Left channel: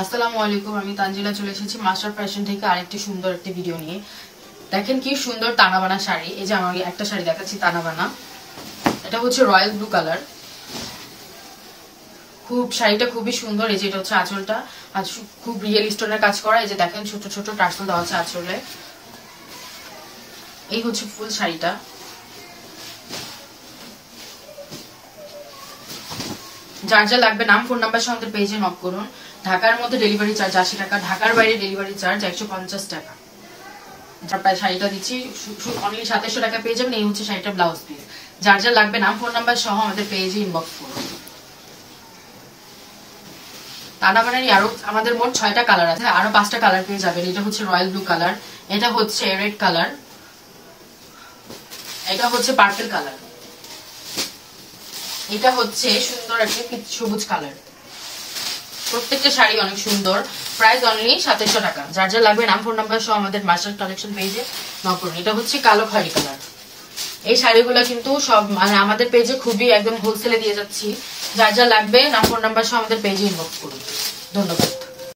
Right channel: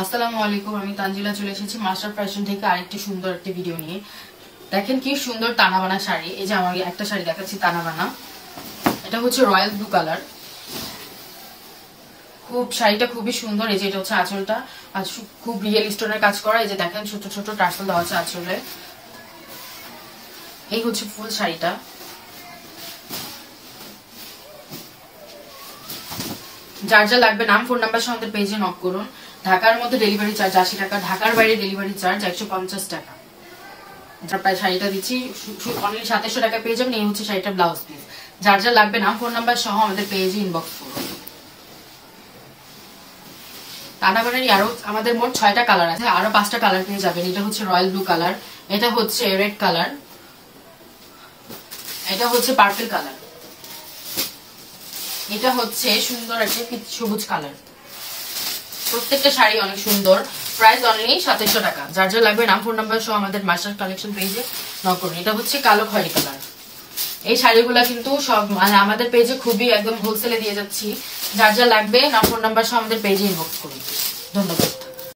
আসসালামু আলাইকুম, আমি তানজিলা চলে এসেছি মাস্টার ফ্যাশন থেকে আরেকটি সুন্দর একটি ভিডিও নিয়ে। দেখেন কি সুন্দর তানাবানা শাড়ি। এই যে আমাকে একটা শাড়ি দেখাচ্ছি তানাবানা, এটা হচ্ছে রয়্যাল ব্লু কালার। শাড়িটা খুবই সুন্দর। এই যে এটা হচ্ছে আঁচলটা, আর খুব রিয়েল স্টোনের কাজ করা। এই যে দেখেন ছোট ছোট টার্সেল দেওয়া আছে আঁচলে। এই হচ্ছে ফুল শাড়িটা। যার যা লাগবে নাম ফোন নাম্বার সঙ্গে পেজে নক করুন। ঢাকার মধ্যে ডেলিভারি চার্জ 80 টাকা, ঢাকার বাইরে ডেলিভারি চার্জ 150 টাকা। প্রায় শাড়িটা দিচ্ছি অনলি 2700 টাকা পেয়ে যাবেন। এই হচ্ছে শাড়িটা ব্লাউজ পিস। যার যা লাগবে নাম ফোন নাম্বার সহ আমাদের পেজে ইনবক্স করুন। তানাবানারই আরো আমাদের মোট 6টা কালার আছে, আরো 5টা কালার পেয়ে যাবেন। এটা হচ্ছে রয়্যাল ব্লু কালার, এটা হচ্ছে রেড কালার, এটা হচ্ছে পার্পল কালার, এটা হচ্ছে সুন্দর একটা সবুজ কালার। প্রত্যেকটা শাড়ি অনেক সুন্দর। প্রাইস অনলি 2700 টাকা। যার যা লাগবে নাম ফোন নাম্বার সহ আমাদের মাস্টার কালেকশন পেজে নক করুন। এটা হচ্ছে কালো খয়েরি কালার। এই শাড়িগুলো কিন্তু সব মানে আমাদের পেজে খুবই একদম হোলসেলে দিয়ে যাচ্ছি। যার যা লাগবে নাম ফোন নাম্বার সহ আমাদের পেজে ইনবক্স করুন। ধন্যবাদ।